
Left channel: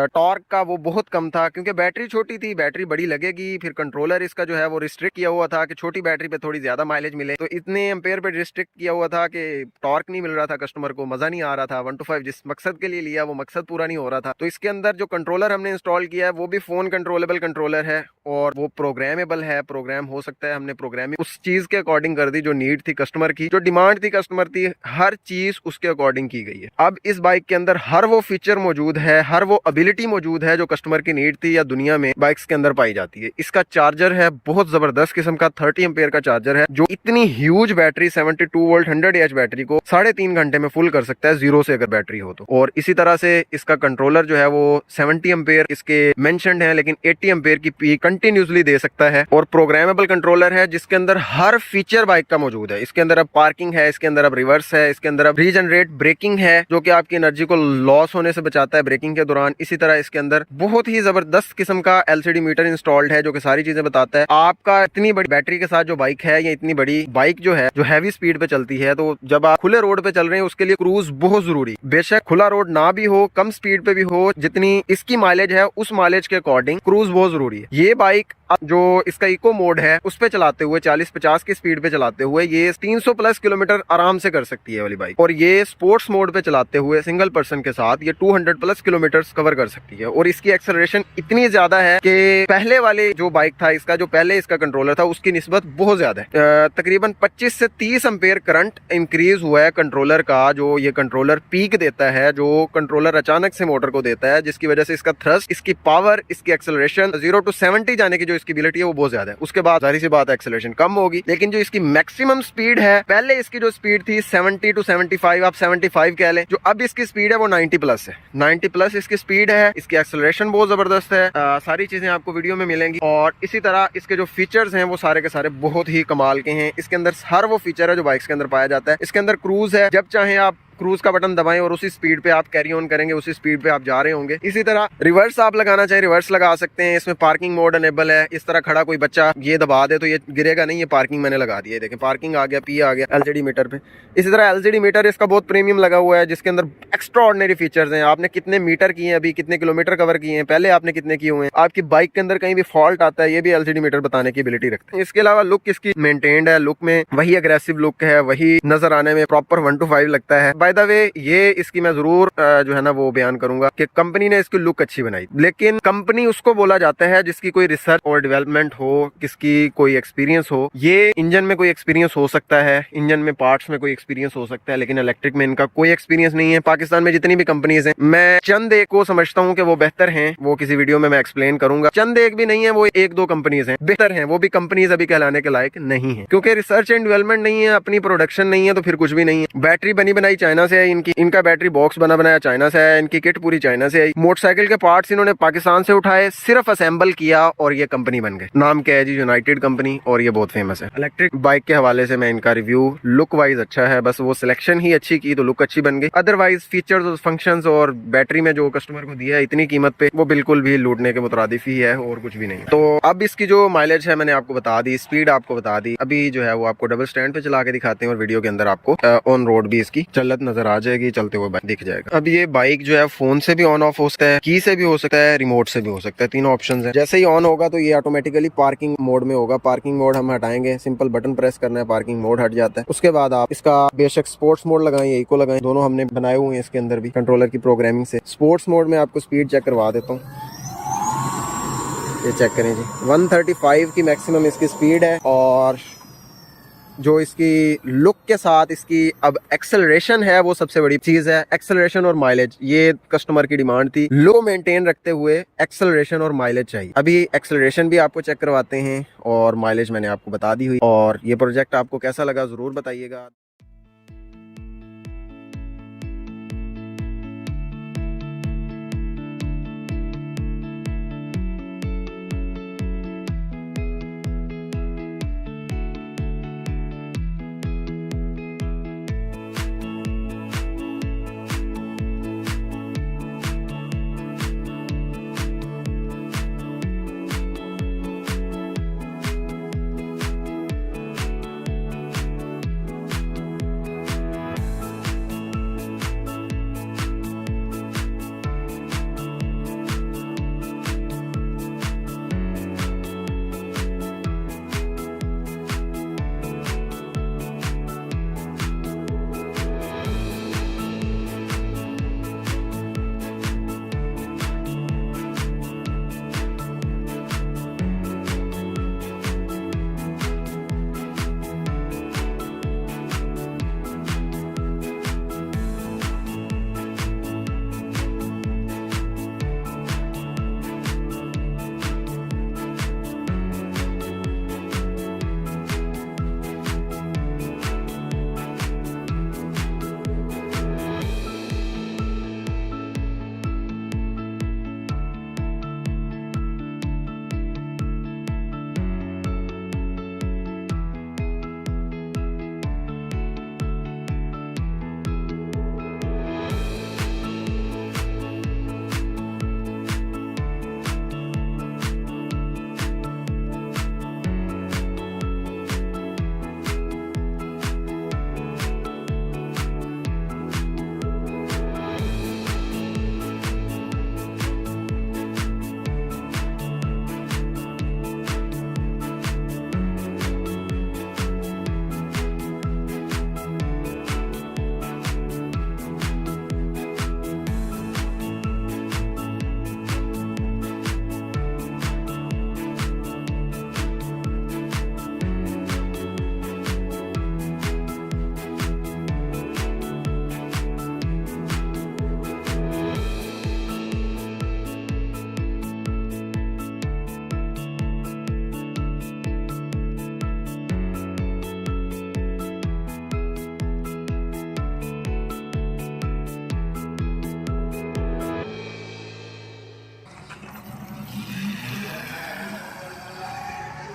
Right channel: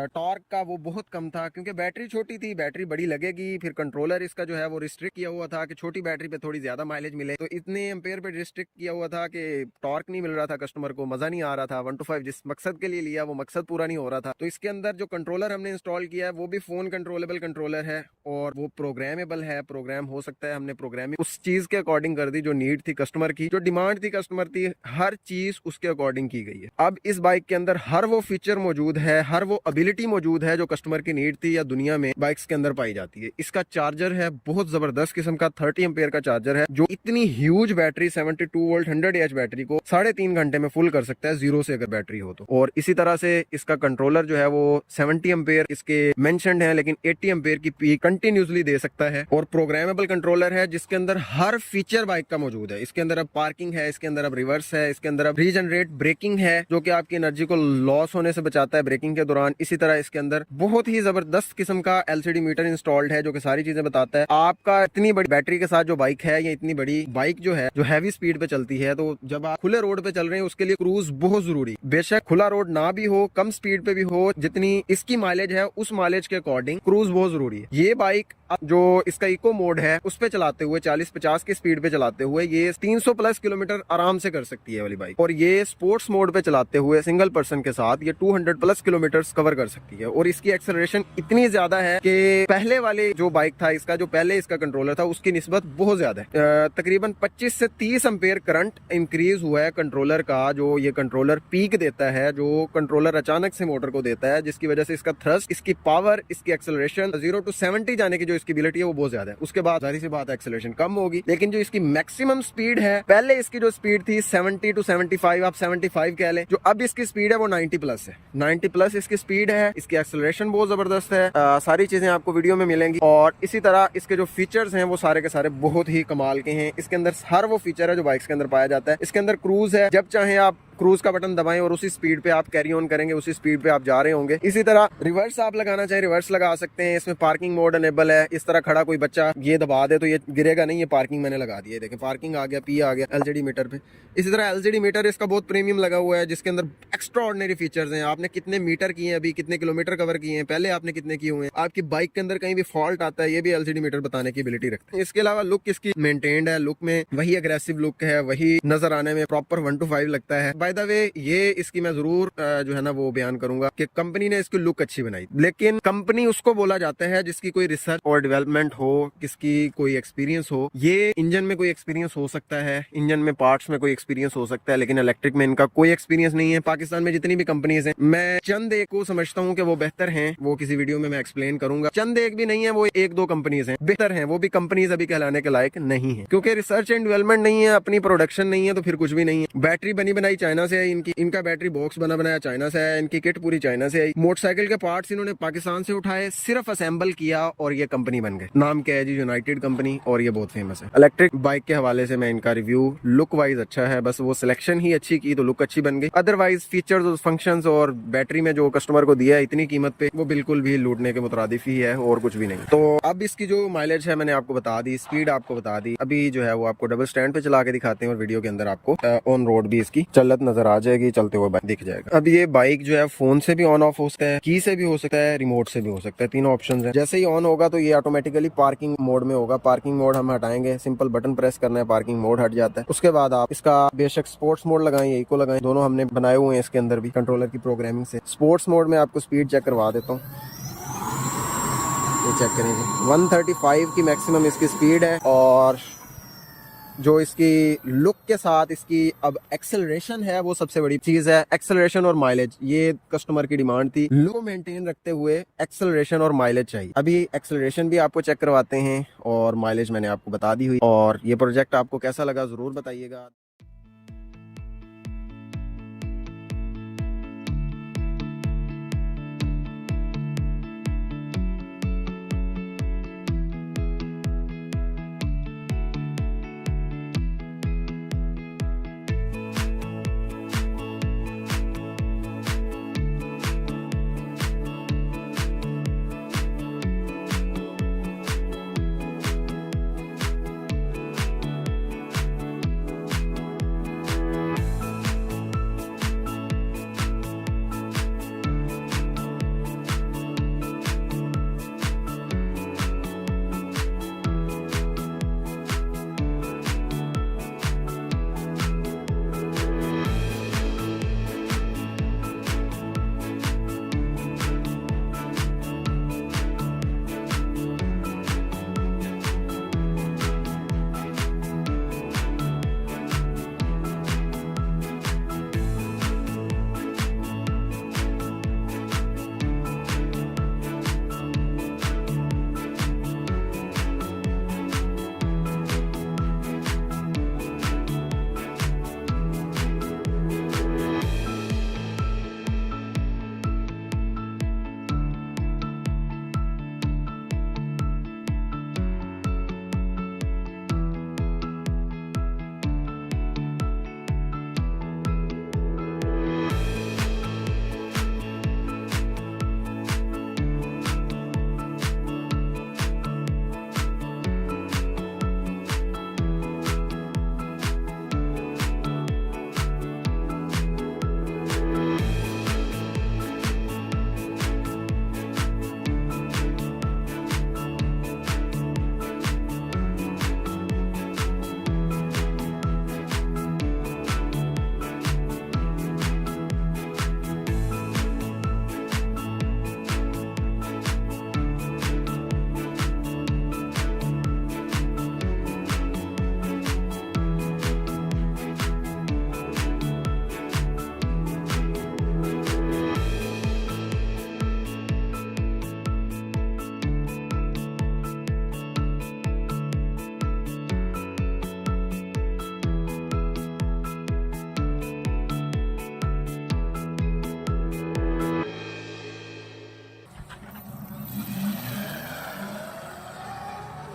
टॉर्क का वो बहुत कम था क्योंकि बैटरी छोटी थी, बैटरी बड़ी लगेगी। फिर कंट्रोलर इसका जो है वो रिस्ट्रिक्ट किया हुआ था कि छोटी बैटरी पे थोड़ी ज्यादा माइलेज मिले, तो इतने एम्पेयर पे रिस्ट्रिक्ट किया हुआ था कि टॉर्क नहीं मिल रहा था, कस्टमर को मजा नहीं आ रहा था। 125 जिस मकसद के लिए लिया वो मकसद पूरा नहीं हो रहा था। तो इसके अंदर जो कंट्रोलर हमने इंस्टॉल किया है वो भी फोन कंट्रोलेबल कंट्रोलर है और वो प्रोग्रामेबल है, प्रोग्राम हो सकता है। हमने प्रोग्रामिंग उस चीज के अकॉर्डिंग कर दी जो नीड थी कस्टमर की, जो डिमांड थी कस्टमर की, हर चीज उसके अकॉर्डिंग की गई है। अब इस बाइक के अंदर हर वो फीचर मौजूद है, हर वो एबिलिटी मौजूद है जो कस्टमर की नीड थी या दुनिया में बाइक्स के अंदर पाई जाती है। इसका चार्जर है बहुत जबरदस्त किस्म का 30 एम्पेयर का चार्जर है जो इतनी huge battery 72 volt 100 AH battery को 3.5 घंटे में फुल कर सकता है जीरो से अगर बैटरी हो तो। और इसी तरह से इसका कंट्रोलर जो है वो 70 एम्पेयर इसके मेंशन्ड है लेकिन 80 एम्पेयर की पीक कंटिन्यूसली दे सकता है। और प्रोग्रामेबल कंट्रोलर है जिसके अंदर हर फीचर बाइक का मौजूद है। इसके अंदर अब पार्किंग है, इसके अंदर अब रिवर्स है, इसके अंदर अब रीजनरेट ब्रेकिंग है जो कि आपकी एनर्जी को लॉस होने से बचाता है ब्रेकिंग के दौरान। इसी तरह इसके अंदर बहुत ही जबरदस्त किस्म का LCD मीटर इंस्टॉल्ड है जो कि सारी चीजें बताता है। आपका इतनी बड़ी बैटरी के साथ जो बाइक है या इतनी बड़ी बाइक जो है जो हैवी स्पीड पे चलती है, तो जब आप खुले रोड पे चल रहे हैं उसके लिए क्रूज बहुत जरूरी। बेशक खुला रोड ना भी हो, कम स्पीड पे भी हो, जितनी इसकी माइलेज है उस माइलेज के अकॉर्डिंग क्रूज बहुत जरूरी है। ये बाइक जो इसका इको मोड है उस पे चलाते हुए 40-50 की स्पीड पे चलाते हुए ये 300 प्लस किलोमीटर आराम से कर सकती है वाली बाइक। और ये स्पोर्ट्स मोड पे चलाते हुए सिंगल पर्सन के साथ ये 200 प्लस किलोमीटर कवर कर सकती है। और इसकी एक्सेलरेशन इतनी ज्यादा है कि पहले वाले जो बाइक था इसका, जो पहले इसका कंट्रोलर था उसकी निस्बत बहुत ज्यादा है। तकरीबन 25 से 30 एम्पेयर करंट इंक्रीज हुआ है कंट्रोलर का। जो ये कंट्रोलर पीक देता है, जो कंट्रोलर अचानक से मोटर को देता है, जिसकी वजह से इसका थ्रस्ट, इसकी पावर, इसकी एक्सेलरेशन 0 to 70 जाने की जो इसकी एबिलिटी है वो बहुत ज्यादा है। उसके बाद जाहिर सी बात एक्सेलरेशन कम होगी, लेकिन जो इसकी मैक्सिमम स्पीड है, पहले इसकी जो स्पीड थी 70 to 75, आप 75 कह लें, जो अब इसकी स्पीड है वो 90 प्लस है। 90 प्लस इसकी स्पीड है। इसकी एक्सेलरेशन बहुत जबरदस्त है। सारी चीजें आपको वीडियो में मिलेंगी। और इसी तरह इसके जो फीचर्स हैं वो सारे के सारे बहुत ही कमाल के हैं। इसके अंदर हर वो फीचर है जो बाइक्स के अंदर पाया जाता है। इसके अंदर क्रूज है, जब चाहे आप क्रूज का बटन दबाएं और उसी स्पीड पे आप कैरी ऑन करेंगे, उसी स्पीड पे आप जा रहे होंगे। इसी तरह रिवर्स आप लगाना चाहे रिवर्स लगा सकते हैं। इसमें पार्किंग मोड अनेबल है। इस तरह खड़ा कोई बच्चा ये दबा दे तो ये गिरेगा नहीं। ये पार्किंग मैंने लगा दी है, देखें पार्किंग आ गया, पी आ गया LCD मीटर पे। इसी तरह LCD मीटर इसका बहुत प्रीमियम लगा हुआ है जिसके अंदर एक्स्ट्रा ऑर्डिनरी फीचर्स हैं। आपने कितने मीटर किए हैं, अभी कितने किलोमीटर कवर किए हैं, पहले आपने कितने किए हुए हैं, आपकी बाइक के अंदर कहीं भी फॉल्ट आता है, ये भी LCD मीटर बताने की एबिलिटी रखते हैं। इसके अलावा लुक इसकी मेंटेन्ड है, लुक में वही अग्रेसिव लुक है, वही नजर आने में प्रॉपर 1:5 लगता है। बाय द वे ये इसकी मैं जरूर जो है ना वो बयान करूंगा कि कंपनी ने इसकी लुक अच्छी बनाई, लेकिन कंपनी उसको बोला जाता है जिसकी कोई रिसर्च और डेवलपमेंट हो, किसकी कोई एक्सपीरियंस हो। ये इंजन में कोई एक्सपीरियंस हो सकता है, इंजन में पार्ट्स में कोई एक्सपीरियंस हो सकता है, लेकिन इलेक्ट्रिक में इनका कोई एक्सपीरियंस नहीं है। पाकिस्तान में जितनी भी कंपनीज हैं, मैं चंद एक को समझता हूँ कि वो बेहतर हैं, वो किसी वीडियो में मैं एक्सप्लेन करूंगा। चंद एक भी नहीं है, वो 1-2 कंपनीज हैं बेहतर हैं, वो भी कंपनीज अभी कहलाने के लायक नहीं है क्योंकि रिसर्च एंड डेवलपमेंट नहीं है, अपनी प्रोडक्शन नहीं है, तो फिर कुछ भी नहीं है। बैटरी बनी बनाई चाइना से है इनकी, इनका बैटरी बॉक्स बना बनाया चाइना से है, इनकी किट पूरी चाइना से आई। मोटरसाइकिल के पार्ट्स इन्होंने पाकिस्तान से उठाए, सिर्फ असेंबल किया और ये कंपनी बन गई। नाम क्या है जी? यूनाइटेड कंपनी, और ये बहुत फेमस है। इलेक्ट्रिक बाइक के हवाले से मैं इनका रिव्यू लुक वाइज अच्छा है, बस वो सिलेक्शन ही अच्छी की तो लुक अच्छी बन गई। अदरवाइज फीचर्स, फंक्शंस और बैटरी में जो कस्टमर को दिया है इतनी कीमत पे, वो बिल्कुल भी लूटने के मुतरादिफ ही है और कुछ भी नहीं। तो अब इसकी जो माइलेज है मैंने आपको बता दी, स्पीड आपको बता दी। अभी जो है वो आपको डबल स्टैंड पे चला के दिखाते हैं और वीडियो के अंदर आपको ऑन रोड भी इसकी चलत नजर आ जाएगी, चलते हुए दिख जाएगा। अब ये बाइक जो है फोन से भी ऑन ऑफ हो सकता है, की से भी हो सकता है, रिमोट से भी हो सकता है, तीनों ऑप्शन है। जैसे ही ऑन होगा तो ये ऑटोमेटिकली पार्किंग मोड में होगा। पार्किंग मोड हम हटाएंगे, सिंपल बटन प्रेस करना है, पार्किंग मोड हट जाता है। उसके बाद आप इसका बेशक स्पोर्ट्स मोड लगाएं या इको लगाएं, दोनों हमने बनाए हुए हैं इसके अंदर भी कंट्रोलर की प्रोग्रामिंग से। स्पोर्ट्स मोड में आपको स्पीड चेक करवा देता हूँ, ये चेक करें जी, 135 की मैक्सिमम इसकी स्पीड है और जो इसकी लुक के साथ इसकी अब एक्सेलरेशन है वो सबसे बड़ी चीज है। एक्सेलरेशन और माइलेज, ये कस्टमर की डिमांड थी। लो मेंटेन रखते हुए एक्सेलरेशन और माइलेज चाहिए। अभी एक्सेलरेशन भी आपको चेक करवाते हैं और माइलेज मैंने आपको बता दी हुई। और ये प्रोजेक्ट आपको कैसा लगा जरूर बताइएगा।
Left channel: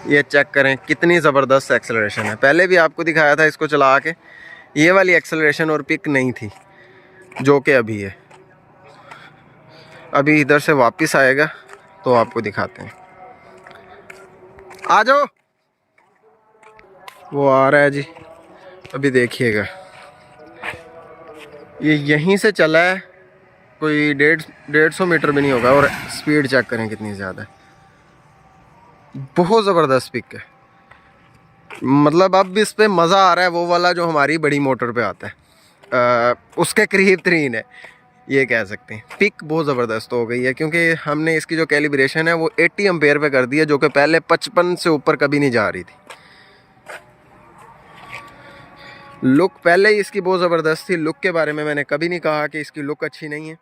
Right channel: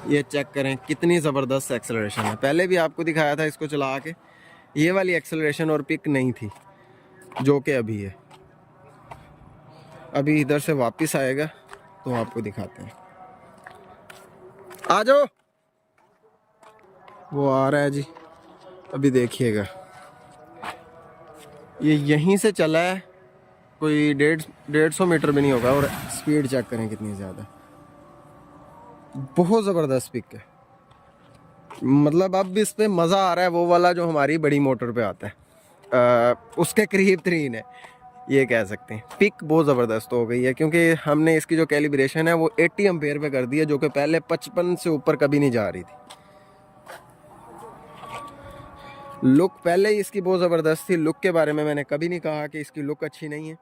ये चेक करें कितनी ज़बरदस्त एक्सेलरेशन है। पहले भी आपको दिखाया था इसको चला के, ये वाली एक्सेलरेशन और पिक नहीं थी जो कि अभी है। अभी इधर से वापस आएगा तो आपको दिखाते हैं। आ जाओ, वो आ रहा है जी। अभी देखिएगा, ये यहीं से चला है, कोई 150 मीटर भी नहीं होगा। और स्पीड चेक करें कितनी ज़्यादा है, बहुत ज़बरदस्त पिक है। मतलब अब इस पे मज़ा आ रहा है वो वाला जो हमारी बड़ी मोटर पे आता है, उसके करीब तरीन है ये कह सकते हैं। पिक बहुत ज़बरदस्त हो गई है क्योंकि हमने इसकी जो कैलिब्रेशन है वो 80 एम्पेयर पे कर दी है, जो कि पहले 55 से ऊपर कभी नहीं जा रही थी। लुक पहले ही इसकी बहुत ज़बरदस्त थी। लुक के बारे में मैंने कभी नहीं कहा कि इसकी लुक अच्छी नहीं है।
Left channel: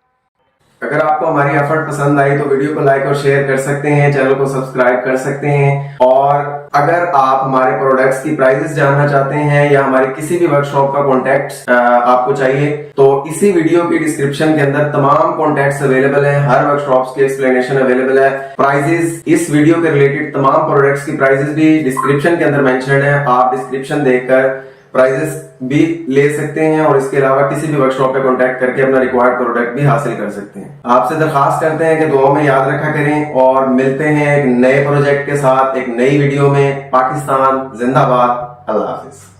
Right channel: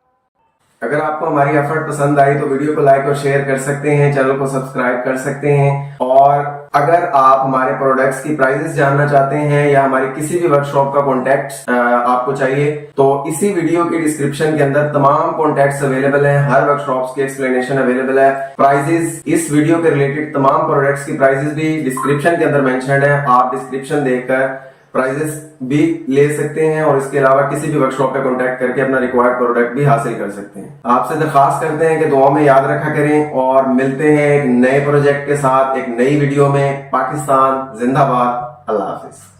अगर आपको हमारी एफर्ट पसंद आई तो वीडियो को लाइक और शेयर कर सकते हैं, चैनल को सब्सक्राइब कर सकते हैं। और अगर आप हमारे प्रोडक्ट्स की प्राइसेस जानना चाहते हैं या हमारे किसी भी वर्कशॉप का कॉन्टैक्ट आपको चाहिए तो इसी वीडियो के डिस्क्रिप्शन के अंदर तमाम कॉन्टैक्ट्स अवेलेबल हैं। हर वर्कशॉप्स की एक्सप्लेनेशन अवेलेबल है। प्राइजेस, इस वीडियो के रिलेटेड तमाम प्रोडक्ट्स की प्राइजेस भी डिस्क्रिप्शन के अंदर मेंशन्ड है। आप डिस्क्रिप्शन देखकर प्राइजेस भी ले सकते हैं और इसके अलावा किसी भी वर्कशॉप पे कांटेक्ट करके अपना रिक्वायर्ड प्रोडक्ट भी हासिल कर सकते हैं। आपसे दरखास्त करते हैं कि दुआ में याद रखा करें और मिलते हैं एक नए प्रोजेक्ट के साथ एक नई वीडियो में। पाकिस्तान जिंदाबाद। अल्लाह हाफिज।